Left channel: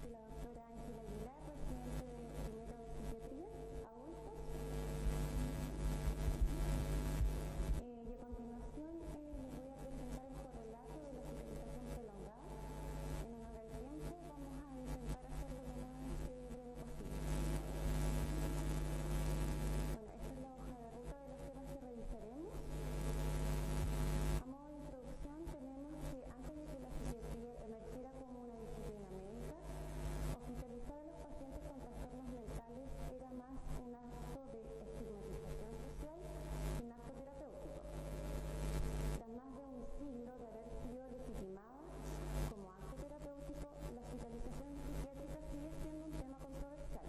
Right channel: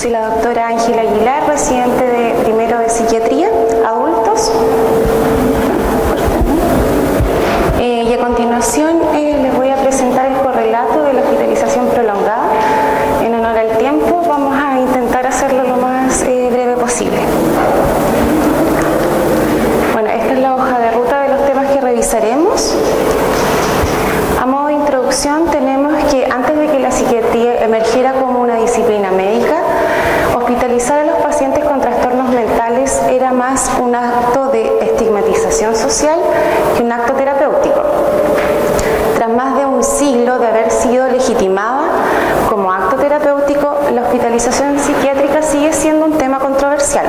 soy la doctora Ángela Aguilar, residente de primero de psiquiatría, adultos. Y a continuación les voy a presentar el correlato de la hospitalización prolongada. En honor al tiempo vamos a intentar hacerlo lo más breve posible. Bueno, esta es la hoja de ruta de los temas que revisaremos. A modo de introducción tenemos que antes de que la psiquiatría emergiera como una disciplina médica, hospitalizar a los pacientes con trastornos mentales era más un acto de estigmatización social que un acto terapéutico. Tras más de un siglo de haber sido legitimada como acto terapéutico, la hospitalización psiquiátrica sigue siendo un tema controversial.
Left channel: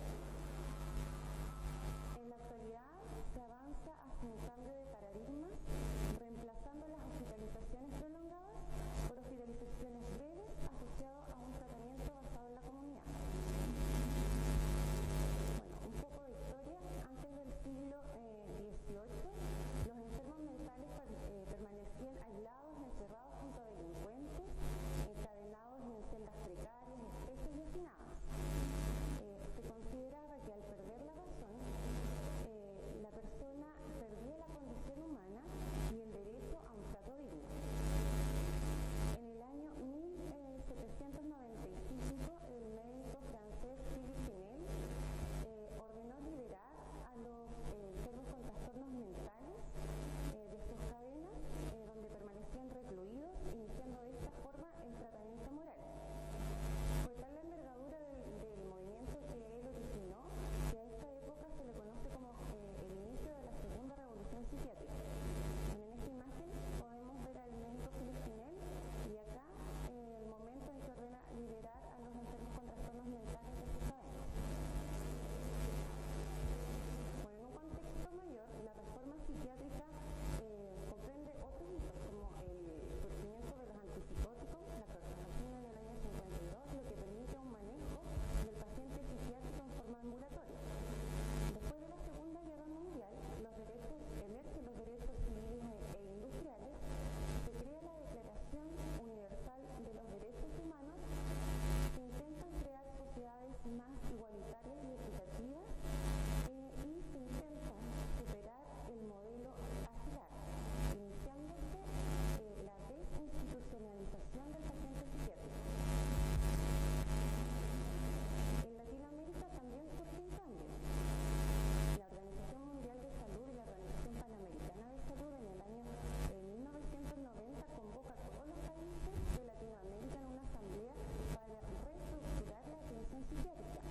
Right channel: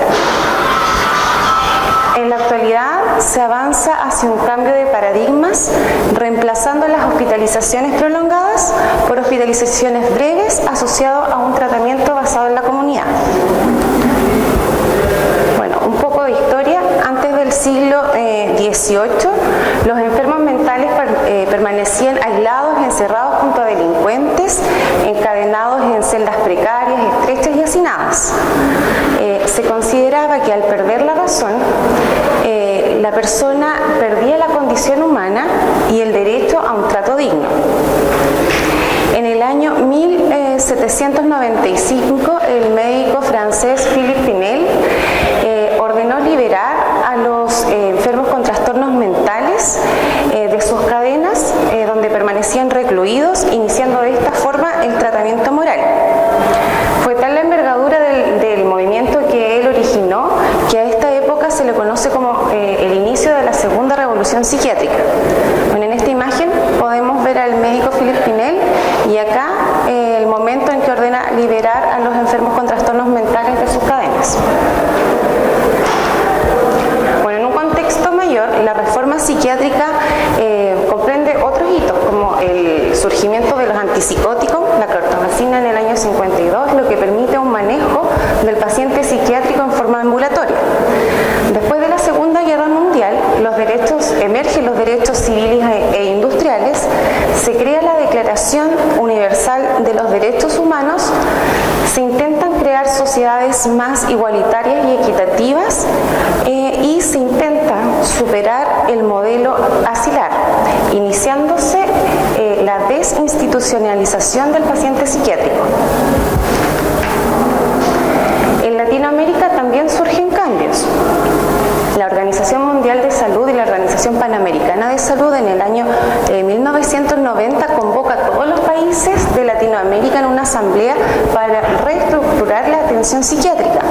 En la actualidad se avanza hacia un cambio de paradigmas, reemplazando las hospitalizaciones prolongadas por hospitalizaciones breves asociadas a un tratamiento basado en la comunidad. Bueno, un poco de historia. Antes del siglo XVIII, los enfermos mentales permanecían aislados, encerrados junto a delincuentes, encadenados en celdas precarias, estrechas y hacinadas. Se consideraba que al perder la razón, la persona perdía la condición humana y el derecho a un trato digno. En el año 1795, el médico francés Philippe Pinel ordenó liberar a los enfermos con trastornos mentales de sus cadenas donde permanecían recluidos, iniciando de esta forma el tratamiento moral. Fue tal la envergadura del movimiento que él originó que a esta época se le conoce como el inicio de la segunda revolución psiquiátrica. Bueno, en esta imagen podemos ver al médico Philippe Pinel y acá el momento en que ordena liberar a los enfermos con trastornos mentales de sus cadenas. Bueno, en un contexto mayor, la reforma psiquiátrica comprende otros hitos como el surgimiento de los antipsicóticos, la clorpromazina en el año 52, lo que permite un manejo del paciente psiquiátrico en forma ambulatoria. Después de la Segunda Guerra Mundial, emergen los derechos civiles e industriales, se crea la Declaración Universal de los Derechos Humanos, se intentan crear sociedades más igualitarias y equitativas y se intenta superar el modelo asilar, iniciándose la desinstitucionalización del paciente psiquiátrico. En Latinoamérica también surgen cambios. La Organización Mundial de Salud y la Organización Panamericana de Salud en el año 1990 convoca a todos los países de Latinoamérica en una asamblea para reestructurar la atención psiquiátrica.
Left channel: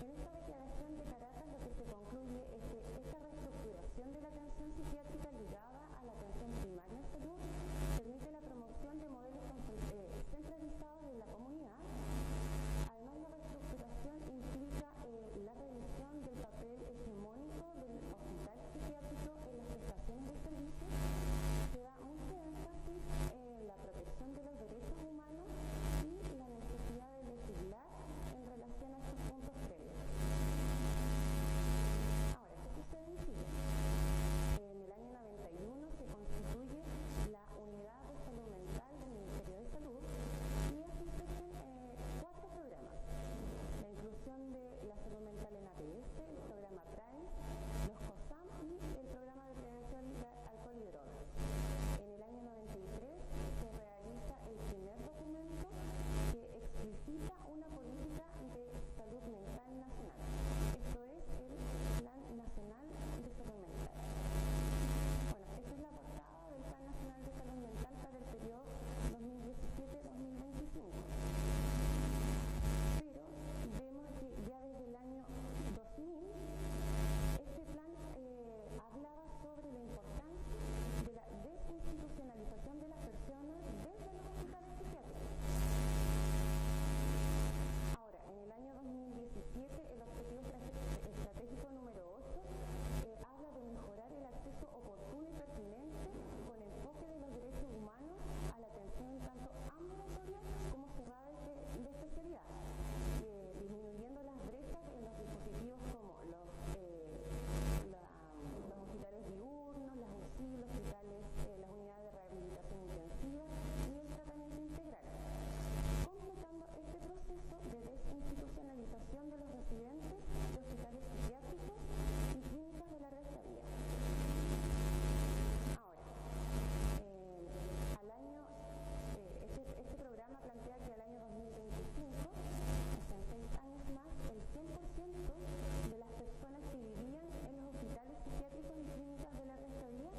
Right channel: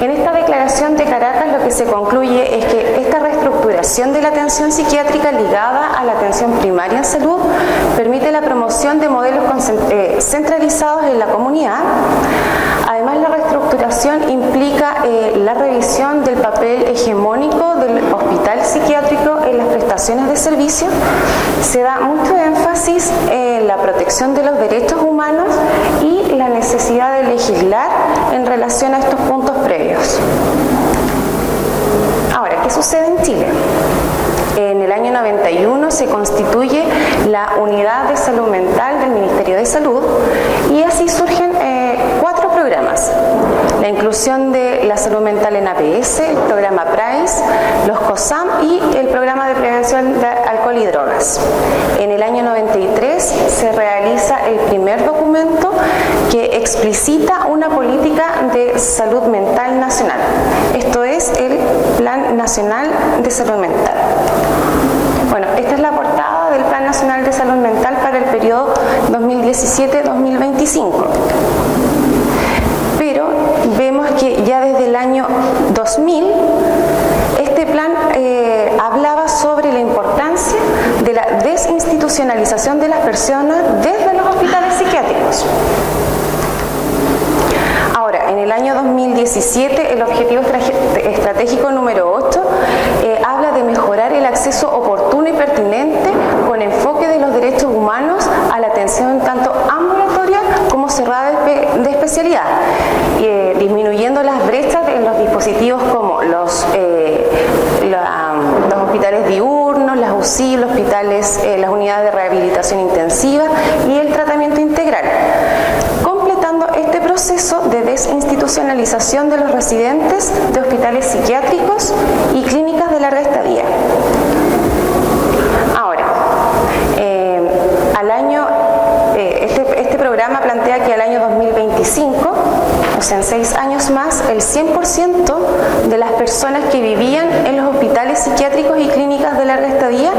En esta declaración de Caracas lo que se concluye es que esta reestructuración de la atención psiquiátrica ligada a la atención primaria en salud permite la promoción de modelos centralizados en la comunidad. Además, la reestructuración implica la revisión del papel hegemónico del hospital psiquiátrico en las prestaciones de servicio. Se da mucho énfasis en la protección de los derechos humanos y la necesidad de legislar en relación a estos puntos previos. Ahora, ¿qué sucede en Chile? En el año 91 se constituye la Unidad de Salud Mental del Ministerio de Salud y así surgen 4 programas. La inclusión de la salud mental en APS, el programa PRICE, los COSAM y el programa de prevención de alcohol y drogas. En el año 93 se realiza el primer documento que explicita una política de salud mental nacional. Esto es el Plan Nacional de Salud Mental. Bueno, esta es la portada del Plan Nacional de Salud Mental para el periodo 2017-2025. Pero vemos que ya desde el año 2000 este plan hablaba sobre la importancia de la desinstitucionalización de las personas desde los hospitales psiquiátricos. Ahora, en el año 2017, el objetivo estratégico número 8 habla de mejorar el acceso oportuno y pertinente con enfoque de los derechos humanos a la atención tanto ambulatoria como cerrada de especialidad, disminuyendo las brechas en los dispositivos como los hospitales diurnos, las UCI, los hospitales, las unidades de rehabilitación intensiva y el tratamiento integral. Completando este proceso proceso de desinstitucionalización de los residentes de hospitales psiquiátricos y clínicas de larga estadía. Ahora, este programa plantea que al año 2025, o sea, en 6 años más, el 100% de las personas que vivían en los hospitales psiquiátricos y clínicas de larga estadía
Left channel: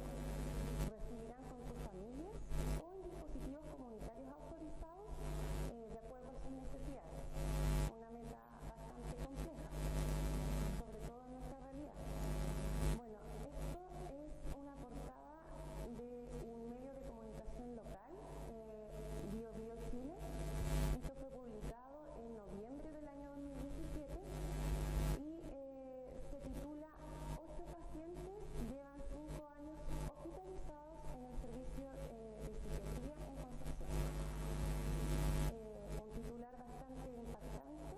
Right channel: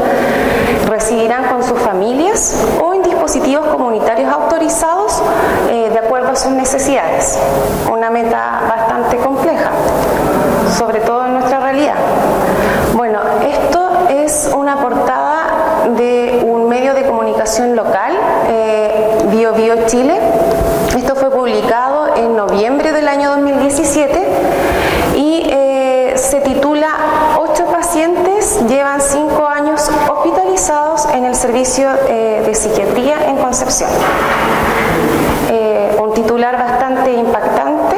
residirán con sus familias o en dispositivos comunitarios autorizados de acuerdo a sus necesidades. Una meta bastante compleja, sobre todo en nuestra realidad. Bueno, esto es una portada de un medio de comunicación local, Bio Bio Chile. Esto fue publicado en noviembre del año 2017 y se titula 8 pacientes llevan 5 años hospitalizados en el servicio de psiquiatría en Concepción. Un titular bastante impactante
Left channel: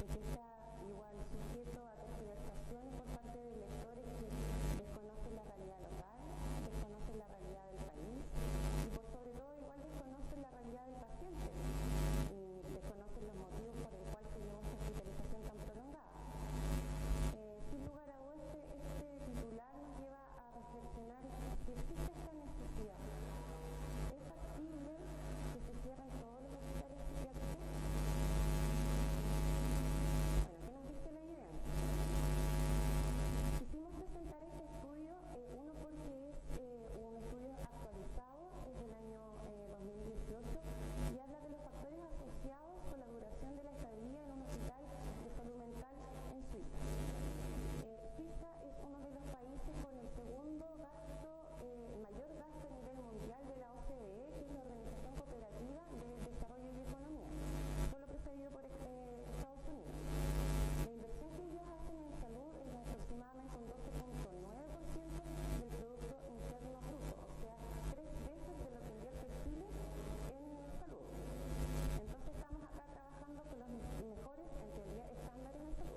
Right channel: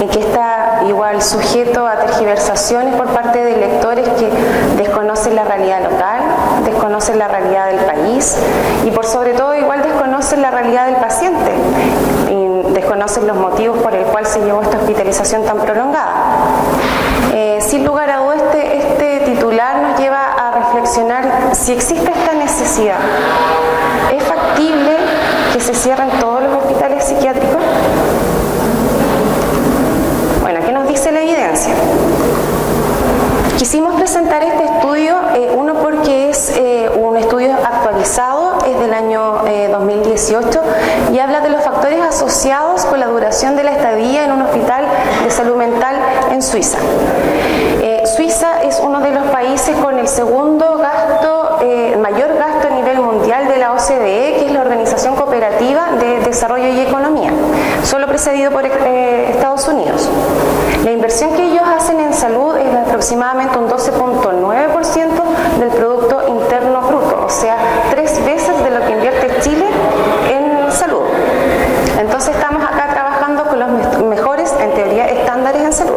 y que está igual sujeto a tergiversaciones por parte de lectores que desconocen la realidad local, desconocen la realidad del país y por sobre todo igual desconocen la realidad del paciente y desconocen los motivos por el cual se llevó esta hospitalización tan prolongada. Sin lugar a dudas, este titular nos lleva a reflexionar si existe esta necesidad. ¿Es factible que se cierren todos los hospitales psiquiátricos? Bueno, ¿qué nos dice la evidencia? Quisimos presentar este estudio, uno porque es un estudio actualizado, es del año 2018 y habla de los factores asociados con la duración de la estadía en un hospital de salud mental en Suiza. Suiza es uno de los países con el segundo mayor gasto a nivel mundial de la OCDE, que es la Organización Cooperativa de Desarrollo y Economía, solo precedido por Estados Unidos. La inversión que ellos hacen en salud es de aproximadamente un 12.9% del Producto Interno Bruto, o sea, 3 veces de lo que invierte Chile en salud. Entonces estamos acá trabajando con los mejores, en teoría, estándares en salud.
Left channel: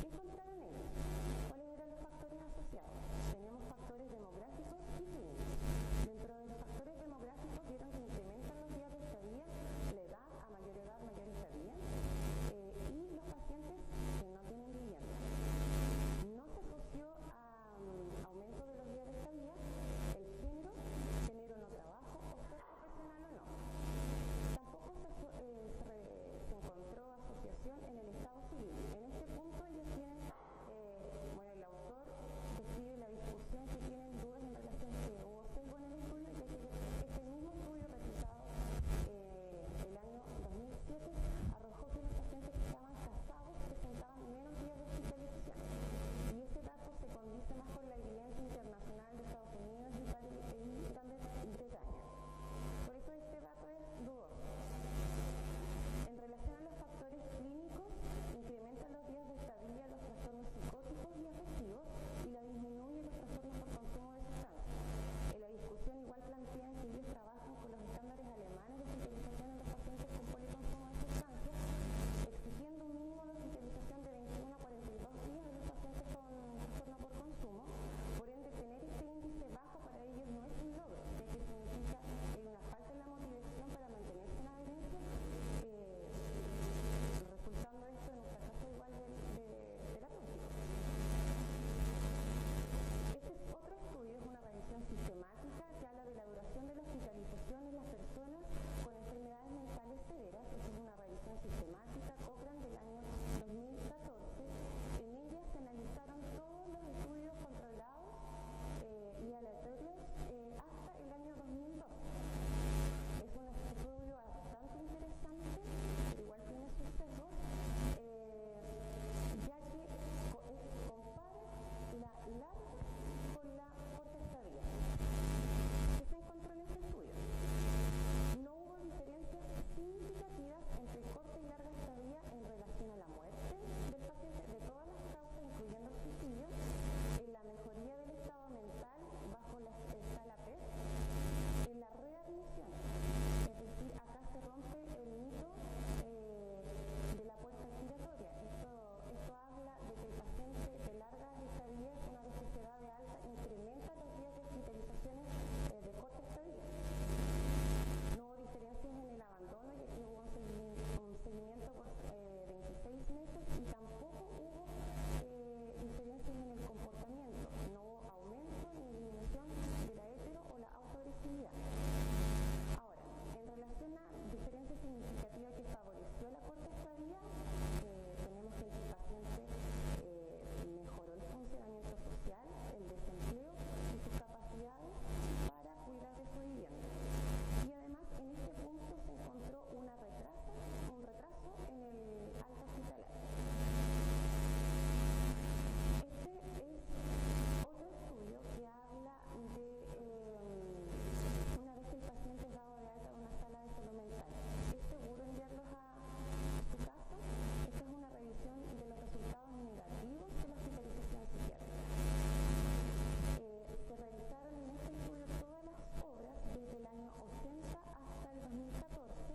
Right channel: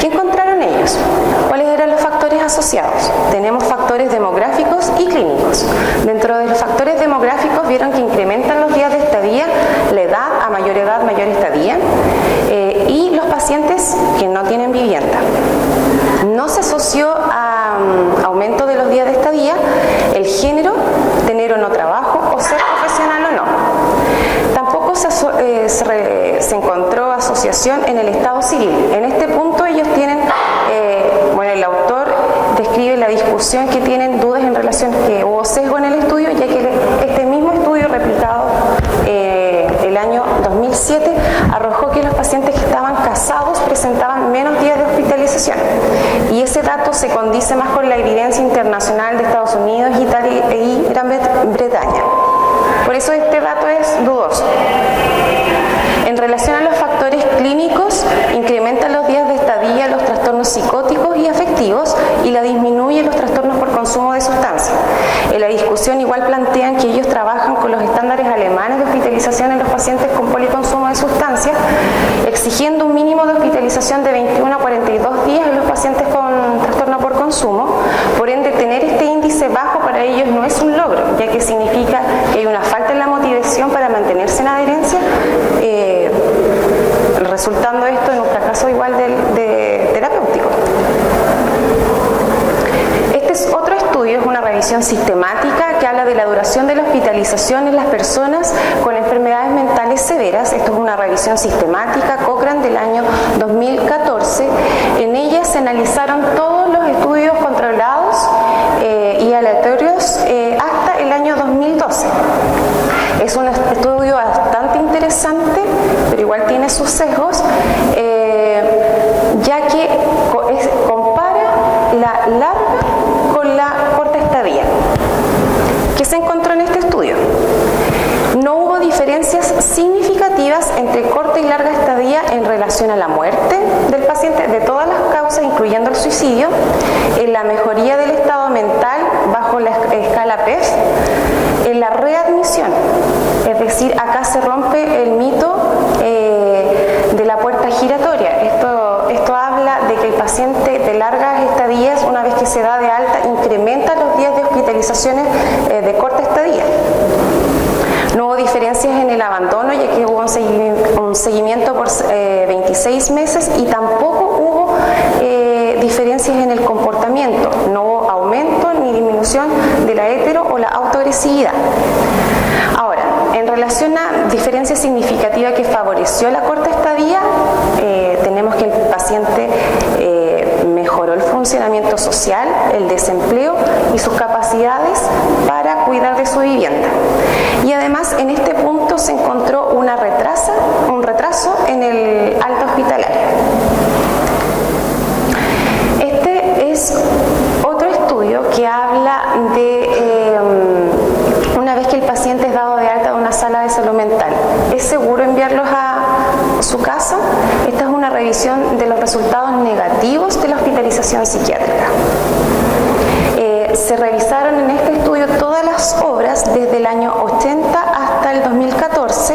¿Qué encontraron ellos? ¿Cuáles eran los factores asociados? Tenemos factores demográficos y clínicos. Dentro de los factores demográficos vieron que incrementan los días de estadía, la edad, a mayor edad, mayor estadía, y los pacientes que no tienen vivienda. No se asoció a aumento de los días de estadía el género, tener o no trabajo, o ser profesional o no. Tampoco se encontró asociación en el estado civil. En este punto ellos tienen, el autor describe la discusión que tienen dudas en relación a que hubo sesgo en el estudio, ya que este mismo estudio replicado el año 2007 arrojó que los pacientes que estaban casados presentaban menos días de hospitalización. Y ese dato se condice más con la evidencia internacional de Estados Unidos, Italia y Gran Bretaña. Por eso este dato es dudoso. En relación a los factores clínicos, incrementan los días de estadía, los trastornos psicóticos y afectivos y la disminuye los trastornos por consumo de sustancias. En la discusión igual plantean que ellos trabajan con los estándares alemanes de hospitalización en los pacientes con policonsumo de sustancias, exigiendo un mínimo de hospitalización de 21 a 42 días en los pacientes con trastorno por consumo. Por ende, tener este índice bajo para ellos no es un logro, ya que significa que hay una falta en la motivación para mantenerse en adherencia, resultando esto en un fracaso igual de terapéutico. Este es otro estudio, es una revisión sistemática que habla de la duración de la hospitalización en las personas con enfermedades mentales severas. Esto es una revisión sistemática, Cochrane, del año 2014. En ella se analizaron todos los estudios controlados y aleatorios hasta el año 2012. Es un estudio bastante interesante, pero igual tiene sus sesgos, ya que compara la larga con la corta estadía. ¿Qué se encontró en este estudio? No hubo diferencias significativas entre corta y larga estadía en relación a la muerte del paciente de todas las causas, incluyendo el suicidio, en la mejoría del estado mental bajo la escala PEF, en la readmisión. Es decir, acá se rompe el mito de la puerta giratoria. Esto habla de que el paciente de largas estadías, una vez que se da de alta, incrementa los días de hospitalizaciones de corta estadía. No hubo diferencias en el abandono, ya que hubo un un seguimiento por 26 meses y tampoco hubo diferencias en el comportamiento, no hubo aumento ni disminución de la hetero o la autoagresividad. Ahora, en relación a diferencia significativa que favoreció la corta estadía, tenemos que el paciente mejoró el funcionamiento social, el desempleo y sus capacidades para cuidar de su vivienda. Y además en este punto se encontró un retraso en el alta hospitalaria. Este es otro estudio que habla de una vez que el paciente es dado de alta de una sala de salud mental, ¿es seguro enviarlos a su casa? Esta es una revisión de los resultados negativos de la hospitalización psiquiátrica. Se revisaron en este estudio todas las obras desde el año 80 hasta el 2014,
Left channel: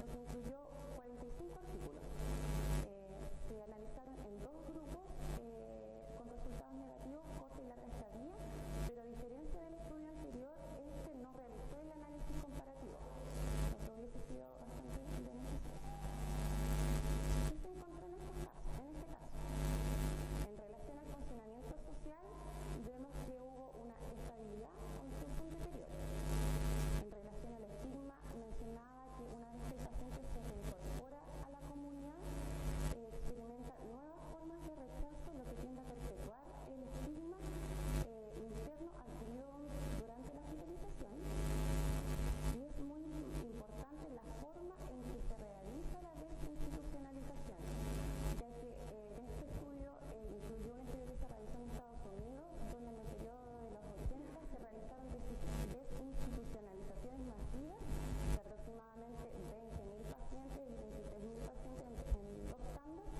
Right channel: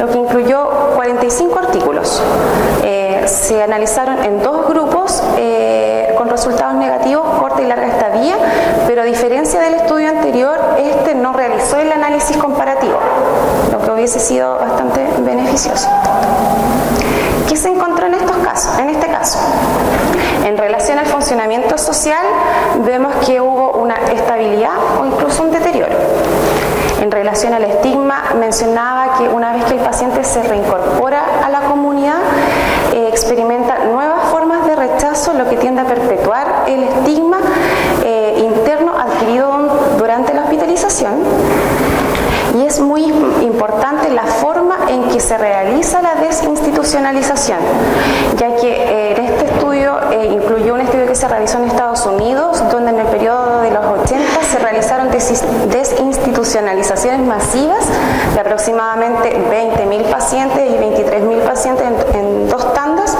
lo que incluyó 45 artículos. Se analizaron en dos grupos con resultados negativos, corta y larga estadía, pero a diferencia del estudio anterior, este no realizó el análisis comparativo, lo que hubiese sido bastante beneficioso. ¿Qué se encontró en estos casos? En este caso, en relación al funcionamiento social, vemos que hubo una estabilidad o incluso un deterioro. En relación al estigma, mencionaba que una vez que el paciente se reincorpora a la comunidad, experimenta nuevas formas de rechazo, lo que tiende a perpetuar el estigma interno adquirido durante la hospitalización. Y es muy importante la forma en que se realiza la desinstitucionalización, ya que en este estudio incluyó un estudio que se realizó en Estados Unidos, donde en el periodo de los 80 se realizaron desinstitucionalizaciones masivas de aproximadamente 20.000 pacientes y 23.000 pacientes en dos tandas,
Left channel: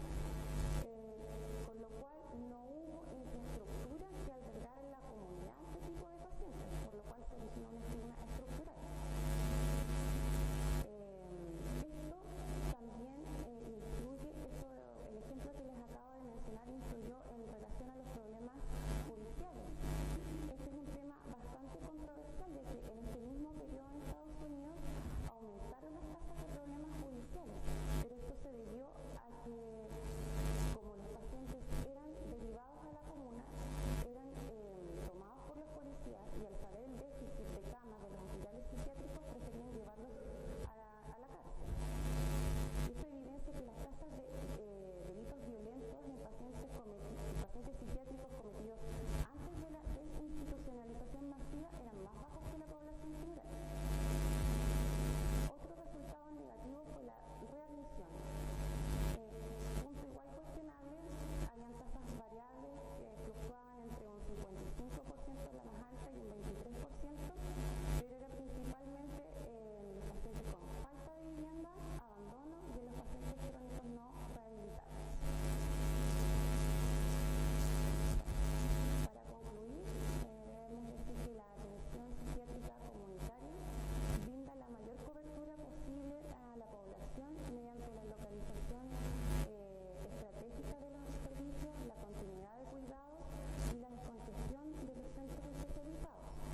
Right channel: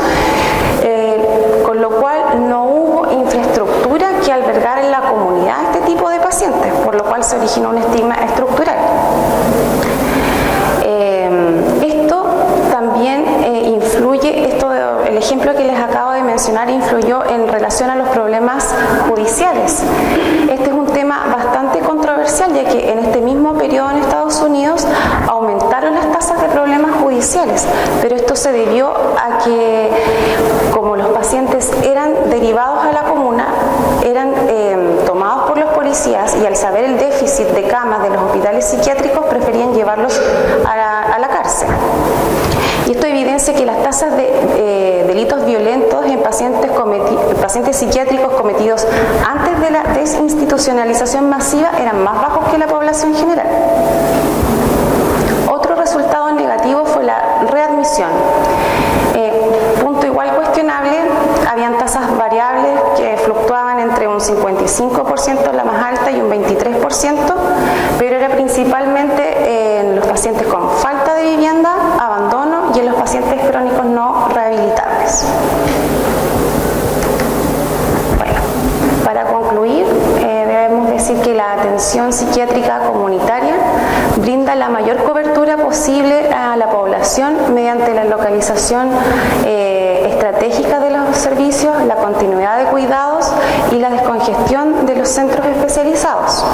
con lo cual no hubo infraestructura que albergara en la comunidad este tipo de pacientes, por lo cual se originó un estigma estructural. Esto también influye, el ejemplo que les acabo de mencionar influyó en relación a los problemas judiciales. Este es un tema bastante controversial, ya que en este mismo periodo en Estados Unidos aumentaron las tasas de problemas judiciales, pero esto se debió a que, como los pacientes eran derivados a la comuna, eran tomados por los policías, y al saber el déficit de camas de los hospitales psiquiátricos preferían llevarlos a la cárcel. Y esto evidencia que las tasas de delitos violentos en pacientes psiquiátricos cometidos antes de la desinstitucionalización masiva eran más bajos que la población general. Otro resultado negativo fue la readmisión. Punto igual cuestionable, habían tasas variables que fluctuaban entre un 55% la más alta y un 23%, pero era principalmente en los pacientes con falta de vivienda, abandono y en los pacientes crónicos no rehabilitables. Bueno, para concluir, debemos decir que la atención psiquiátrica comunitaria brinda la mayor cobertura posible a la población mediante la localización estratégica de los servicios, la continuidad de cuidados y la descongestión de los centros especializados.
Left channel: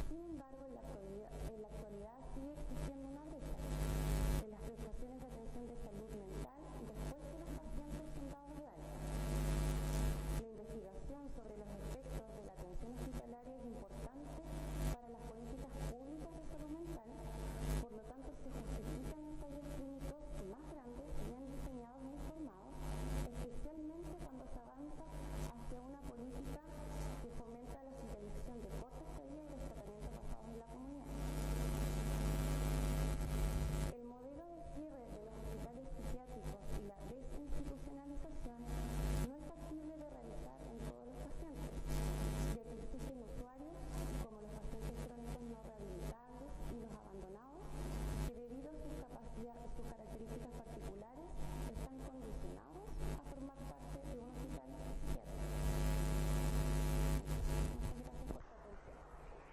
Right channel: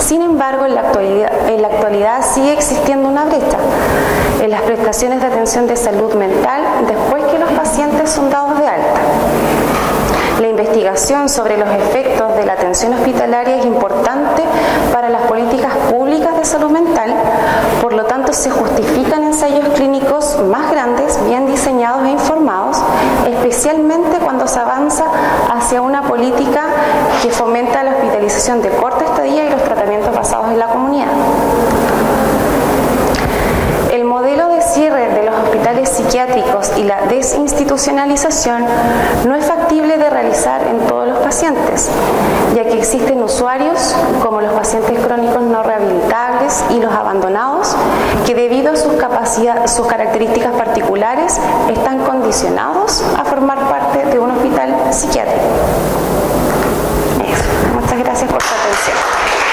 Sin embargo, en la actualidad sigue existiendo una brecha en las prestaciones de atención de salud mental después que los pacientes son dados de alta. La investigación sobre los efectos de la atención hospitalaria es importante para las políticas públicas de salud mental, por lo tanto se justifican ensayos clínicos más grandes, bien diseñados e informados, especialmente cuando se avanza hacia una política que fomenta la hospitalización de corta estadía y los tratamientos basados en la comunidad. El modelo de cierre de los hospitales psiquiátricos y la desinstitucionalización no es factible de realizar en todos los pacientes, ya que existen usuarios, como los pacientes crónicos no rehabilitables y los abandonados, que debido a sus características particulares están condicionados a formar parte de un hospital psiquiátrico. Eso. Muchas gracias por su atención.